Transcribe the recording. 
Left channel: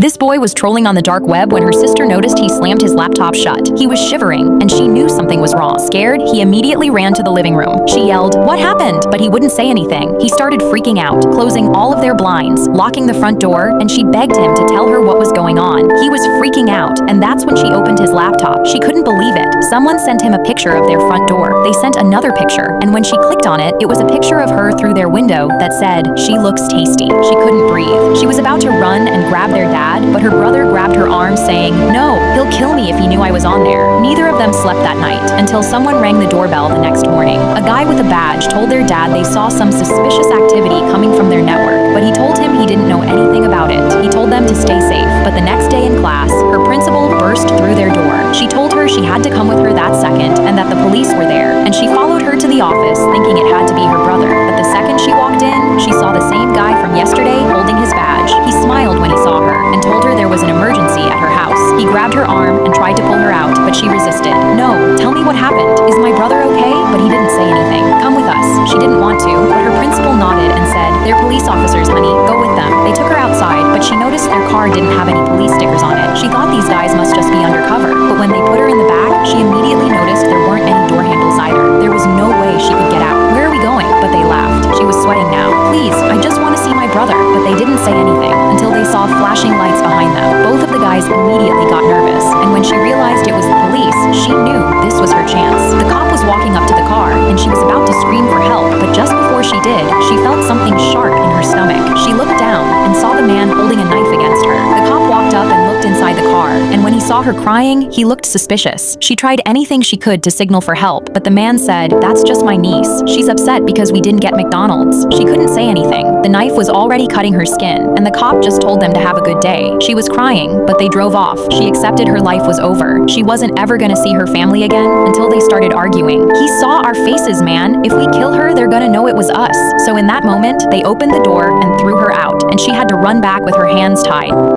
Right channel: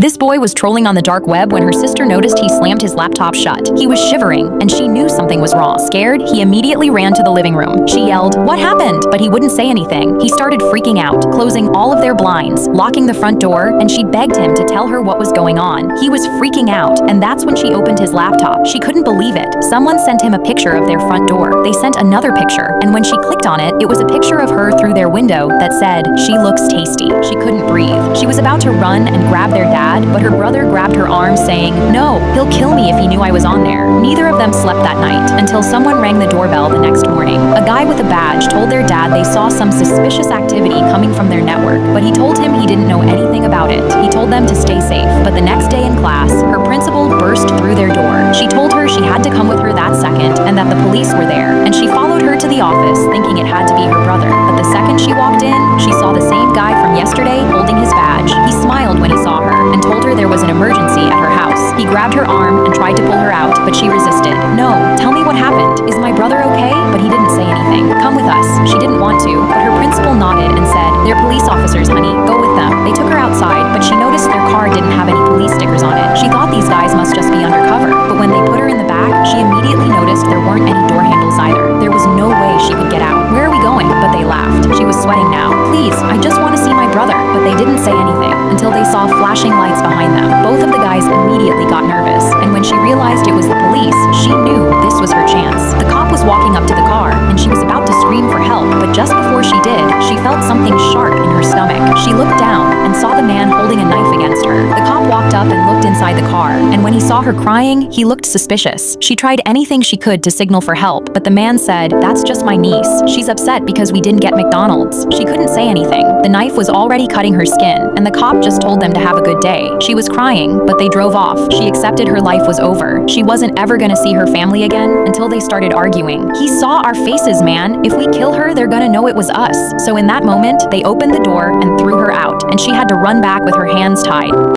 This boy was trolling on the dark web when her sister noticed he slammed his laptop shut. He was shivering, and she knew something was wrong. Scared, he immediately ran to the living room. She yelled, "What happened?" But he wouldn't say anything. He started freaking out, closing all of their blinds, locking the front door, and she begged him to tell her what was going on. He was freaking out, and that's when she opened his laptop. She couldn't believe it. Someone sent him a picture of their front door. They sent another picture, and when she clicked on it, it was a picture of her through their window that said, "She looks tasty." She couldn't breathe. She was about to run and grab their dad, but her brother grabbed her arm, saying, "No, he'll kill me if he knew I was on there." Neither of them slept that night until someone rang the doorbell the next morning. A guy with a badge told their dad they saw some suspicious activity coming from their network, but he told him he didn't know anything about it. He told them to stay safe. But the next day in class, her principal burst through their door. She told her she had to come with her that second and that the police were there, and she followed her to the office thinking it had to be her brother. But the second she walked in, she saw the same guy from yesterday holding his badge. He smiled when he saw her and told her there was an emergency at her house. He grabbed her arm and tried to pull her out, but she resisted. "No, tell me what happened. Is my brother okay?" But he didn't say anything. "Come with us." She didn't want to, but her principal nodded and said, "They're police officers, honey. Go with them." They took her outside, but she noticed their car didn't have any police stickers on it. She thought these guys must just be undercover, but when they put her in the back, she immediately noticed there weren't any door handles either. There was no way she could get out. "Where are we going?" But they laughed. She was sweating now. "Please, I just want to see my brother." But they didn't say anything until they saw flashing lights behind them. Both of the guys immediately got nervous, and when she realized it was the police, she knew this was her chance. The cop was walking up to the car, and she was about to scream for help, but just before she did, she felt something sharp in her stomach. She looked down and saw the man holding a knife against her. The cop walked up and looked inside the car, and when he saw her crying, he looked suspicious. She tried anything she could to signal for help, but the man said, "That's just my niece. She's upset because we didn't get McDonald's." She couldn't say anything. The knife was already cutting her skin, and the cop just told them to have a good day. She was crying, but they drove off. She accepted her life was over. She wasn't ever gonna see her family again until they started arguing. "He saw our faces, man. If we kill her, they're gonna know it was us." So in that moment, they opened the door and threw her out, and she had to run back with her hands tied.